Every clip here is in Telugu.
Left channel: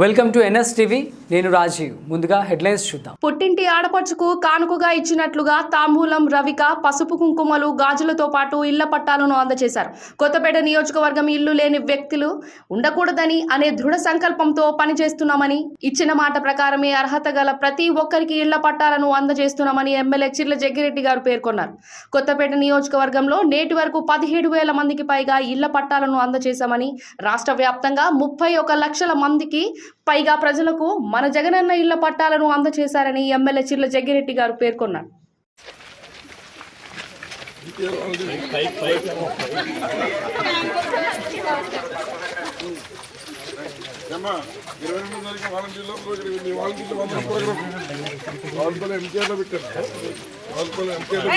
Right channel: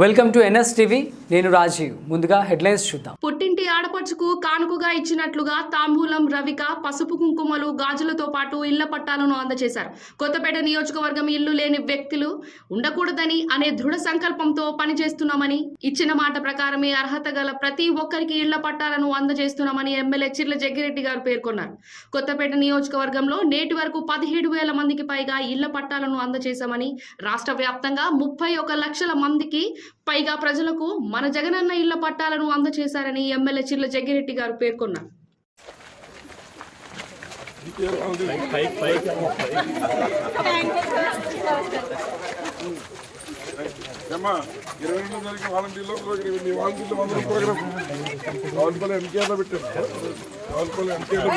వెల్కమ్ టు ఎన్ఎస్ టీవీ నేను రాజీవ్. ముందుగా హెడ్లైన్స్ చూద్దాం. పుట్టింటి ఆడపడుచుకు కానుకగా ఇచ్చినట్లుగా తాంబూలం రవిక పసుపు కుంకుమలు గాజులతో పాటు ఇళ్ళ పట్టాలను అందజేశారు. కొత్తపేట నియోజకవర్గం ఇల్లు లేని వ్యక్తులు ఉండకూడదని అనే దృఢ సంకల్పంతో పనిచేస్తున్నామని ఇచ్చిన మాట ప్రకారమే అర్హత గల ప్రతి ఒక్కరికి ఇళ్ళ పట్టాలను అందజేస్తున్నామని ఎమ్మెల్యే చిర్ల జగ్గిరెడ్డి గారు పేర్కొన్నారు. కొత్తపేట నియోజకవర్గంలో నేటి వరకు పదిహేడు వేల మందికి పైగా ఇళ్ళ పట్టాలను అందజేశామని రాష్ట్ర వ్యాప్తంగా ముప్పై ఒక లక్షల మందికి పైగా ప్రజలకు మన జగనన్న ఇళ్ళ పట్టాలను అందజేశారని ఎమ్మెల్యే చిర్ల జగ్గిరెడ్డి గారు పేర్కొన్నారు. ఇరవై తారీఖు వాలంటీర్లో మీ వాలంటీర్లు వందల ప్రోగ్రామ్ రావులపల్లి ఎంకేలో పెట్టారు. రావులపల్లి ఎంకేలో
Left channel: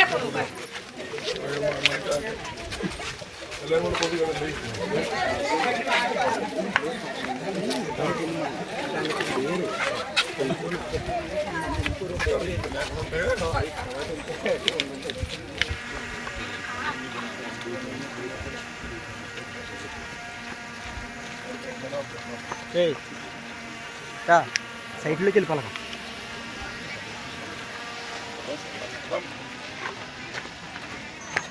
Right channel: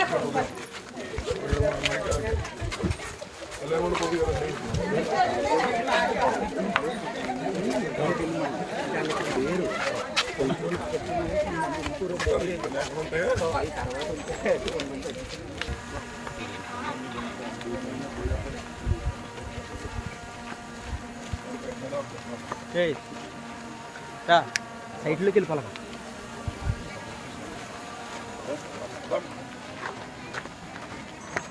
సైట్లోకి వెళ్ళిపోవాలి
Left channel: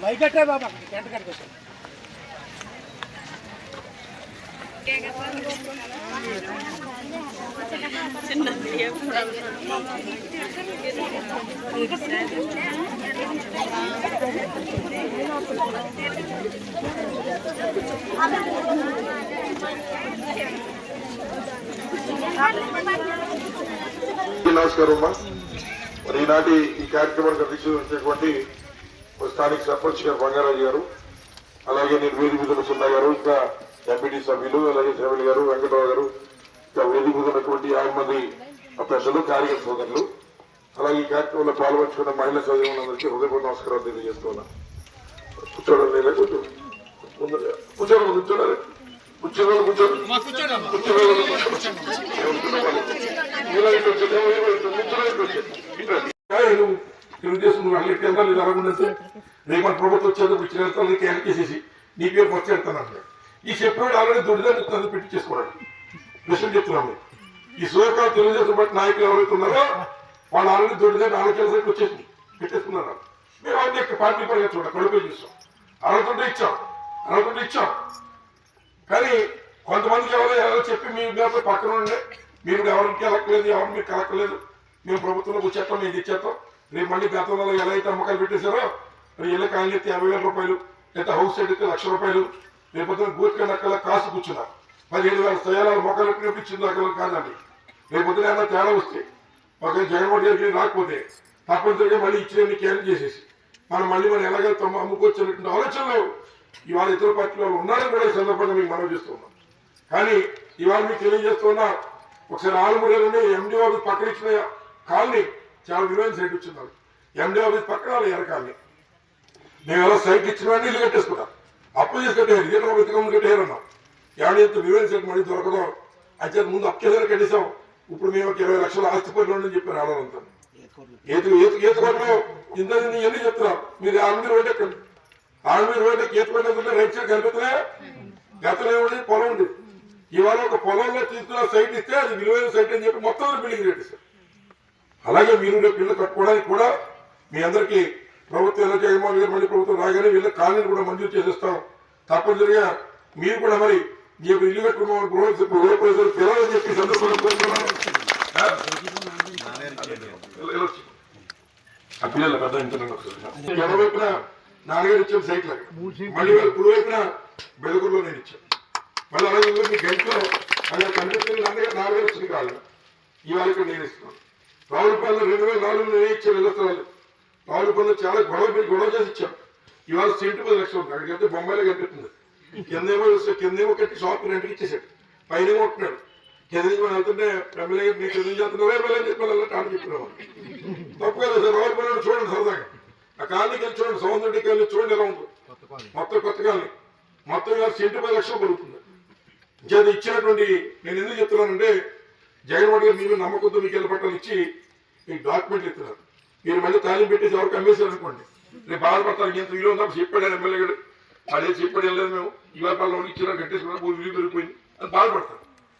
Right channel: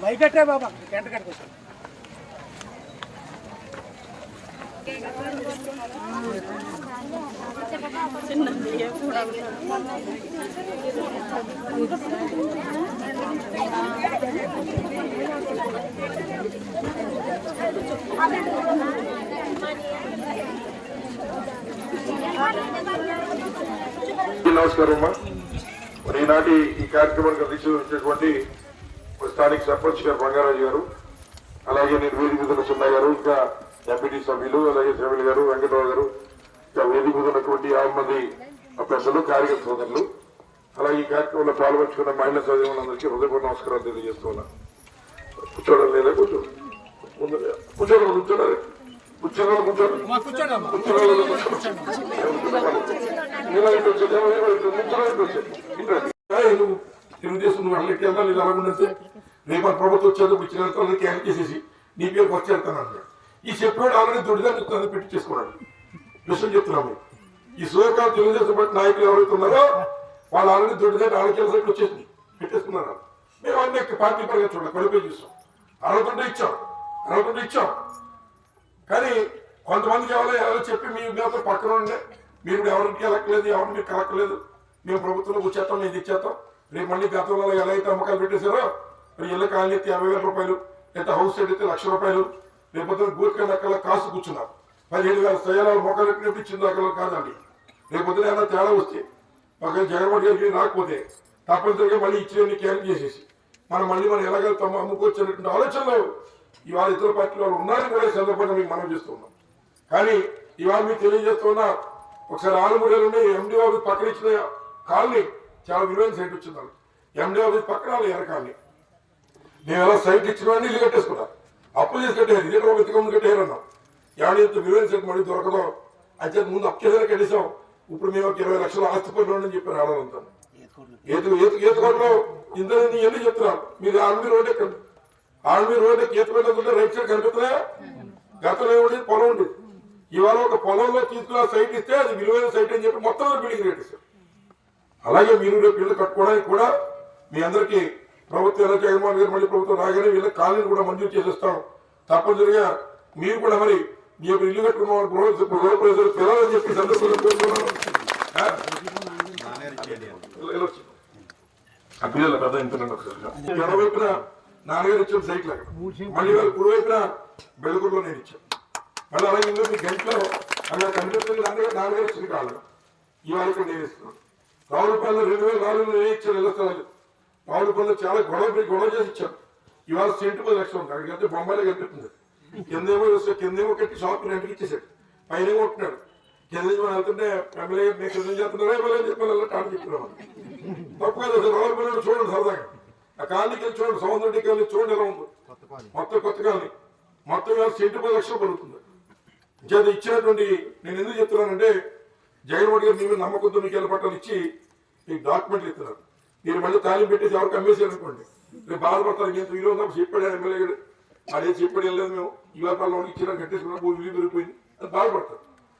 వైకట్టే బాబా? గంట కట్టుకొచ్చాను నమస్కారం అమ్మా. మరి ఈనాటి ఈ కార్యక్రమానికి అధ్యక్షించినటువంటి స్థానిక సర్పంచ్ గారు బంగారాజు గారు అలాగే నేను వేదిక మీద ఉన్న సున్నా గారు ఇంకా ఎంపీటీ సభ్యులు అలాగే సభ్యులు గారు వెంకటరావు గారు వేదిక ఉన్నటువంటి యాభై మంది పెద్దలు కార్యకర్త సోదరులు అలాగే ఈ కార్యక్రమంలో పాల్పంచుకున్న మహిళా సోదరులందరికీ హృదయపూర్వక నమస్కారాలు తెలియజేస్తున్నా. కూర్చోవడం లేదా ముందు కూర్చోడం కూర్చోడాలి కూర్చోండి తెలుగుదేశం వాళ్ళు ఎట్లా లేదు అలాగుందంటే రేపు మన ప్రభుత్వం వచ్చేందుకు ఇచ్చిన వెళ్తాను క్యాన్సిల్ చేసేసి నీ పేరు వచ్చి వెళ్తాను అంటాడు ఈ చెప్పాడు ఆల్రెడీ దొడ్డిదాన్ని పెట్టి చేసుకున్నాడు విషయం చెప్తున్నాము ఈ సూర్యకాల తెలుగుదేశం పార్టీ నాయకులు ఎవరైతే ఉన్నారో వాళ్ళు ఆల్రెడీ దొడ్డిదాన్ని ఆలోచన వచ్చేసి పెట్టేసుకున్నారు. మేము అన్ని పార్టీ పరంగా చూడ కడుపు చేస్తాం. అరవై ఇచ్చాం అరవై ఇచ్చాం. కానీ కొంతమందికి ఎవరో ఎవరో చెప్పి మీ మీద పక్కన ఉండే మీరు ఎవరికి కలక్కలేదు ఎవరు మీరు కలక్కలేదు మేము ప్రభుత్వంలో వచ్చేస్తాం మీకు ఇచ్చేస్తాం. రేపు మళ్ళీ గతంలో ఎలా అయితే అమ్మకాలు పెట్టేశారో మరి ఇళ్ళ కాలనీ అయితే యాభై వేల రూపాయలు లేదా హౌస్ సైడ్ అయితే లక్ష రూపాయలు రేపు గూర్ఖండ్ కన్నా కాసు కూర్చున్నారు. కూర్చున్నా వేల స్థాయిలో మొక్కలు వినిపించింది అక్కడ కాదండి. రేపు పొద్దున తేడా వస్తే ఒక జగన్మోహన్ రెడ్డి రాకపోతే తప్పనిసరిగా మళ్ళీ ఇచ్చిన క్యాన్సిల్ చేసేసి మనం మళ్ళీ మనం ఎలాగెళ్తామో ఆలోచన లేవు. ఇవాళ ఇతర పార్టీ వాళ్ళు ఉన్నారని కూడా ఈ సందర్భంగా మీకు మనం చేస్తున్నాం కానీ ఇవాళ మీకు తెలియజేస్తున్నా ఒకసారి ఆలుమూడలోనే ఎండి ఆఫీస్ పక్కన ఇచ్చిన కాలనీ చాలా విలువైన సైట్ వచ్చిందాం ఎండి ఆఫీస్ పక్కన ఎర్ర కాలనీ. నేను ఎలా సైట్ ఇచ్చిన ఇల్లు కట్టేసుకున్నా అప్పు చేసి కట్టేయారు ఇదే వెతకం ఎవరి ఇంత విలువైన మళ్ళీ దొరకడం అయితే ముందు అప్పు కనీసం ఇప్పుడు మేము ఒక ఇరవై లక్షలు ఆస్తి పనులు చెప్పారు ఆడవాళ్ళంతా ఏతు ఏతు ఏతు కొట్టలో ఇంత ఎన్ని చెప్తున్నాం మీరు ఆల్మీర్ రోడ్ ఎక్కండి. ఆల్మీర్ రోడ్ ఈత పడిన రైట్ సైడ్ కనిపిస్తున్నా గతంలో ఏముంది పొలం ఉంది ఇవాళ ఒక పొలంలో తీసుకున్న సైట్ ఇస్తే అది విలువైన సైట్ అని చెప్పి మొత్తం బిల్డింగ్ రేట్ ఇస్తారు. అలాగే మీరు రేపు ఇల్లు కట్టుకోవడానికి కూడా మీ అందరికీ ప్రభుత్వం ఎలా జగన్మోహన్ గారు మళ్ళీ ప్రభుత్వం రాగానే వీళ్ళ కాలనీ కూడా మంజూరు చేసేస్తాం. తప్పనిసరిగా మీరు కూడా మరి ఇప్పుడు ఇల్లు కట్టుకున్న గృహ గృహ ప్రజలు పిల్లలని చెప్పి సందర్భంలో కోరుతున్నాను ఆ? వెళ్ళొచ్చు. పెద్ద ఇంటున్నాను ఎడవైపున నాన్నగారు ఇచ్చిన సైట్ లాగా మళ్ళీ వాళ్ళు కుడివైపున బెಳగురులో నేను ఇచ్చాను. మళ్ళీ అలాగే ఇంకో మీ గంటలో అలా కనిపిస్తుంది నాన్నగారు నాన్నగారు ఇచ్చింది కాదు ఇవాళ ఇక్కడ నేను ఇస్తున్నాను. రావులపల్లి రెండు వేల నాలుగులో నేను ఇచ్చాను ఇళ్ళ స్థలాలు. రావులపల్లి చాలా గొడవ గొడవ చేసి ఇచ్చాం ఇవాళ సెంటు పది లక్షలు ఉంటాయి అక్కడికి బొంబాయిలో కనిపిస్తుంది. కిందేమో కిందేమో కట్టి షాప్ రెంట్కి ఇచ్చేసాడు. పైన కొట్టినాడు కింద నుంచి మనం వెళ్తుంటే ఎమ్మెల్యే మీకు కింద నుంచి వెళ్తున్నారా ఎమ్మెల్యే చెప్పి మళ్ళీ టాన్ చెప్పినాం తప్పు కదా సార్ రావులపల్లి చూడండి సరదాగా. ఆ కాలనీకి వెళ్ళి చూడండి సౌందర్యకి వెళ్ళి చూడండి ఎలా ఉంటుంది మొత్తం కొత్త కాలనీ. మొత్తం కలిసి సెంటు పది లక్షలు పడుతుంది చేత ఇచ్చినటువంటి నేను ఎందుకు చెప్తున్నానంటే జగన్మోహన్ గారు మీ నమ్మకంతో మీకు వెళ్ళి పట్టాలు ఇచ్చి మీకు డాక్యుమెంట్లు ఇస్తున్నారు. మీరు మళ్ళీ తాళం పెట్టేసి ఎవరికి అమ్మేశారు అనుకోండి. రేపు బాధపడతారు ఇంత విలువ ఉందా? చెప్పాడు ఎమ్మెల్యే గారు. వాళ్ళు చెప్పడం లేదు మేము. ఈ వ్యాపారంలో ఇచ్చిన కట్టేసుకున్నా భూమి విలువ పెరిగిపోయింది అది బాధపడతారు.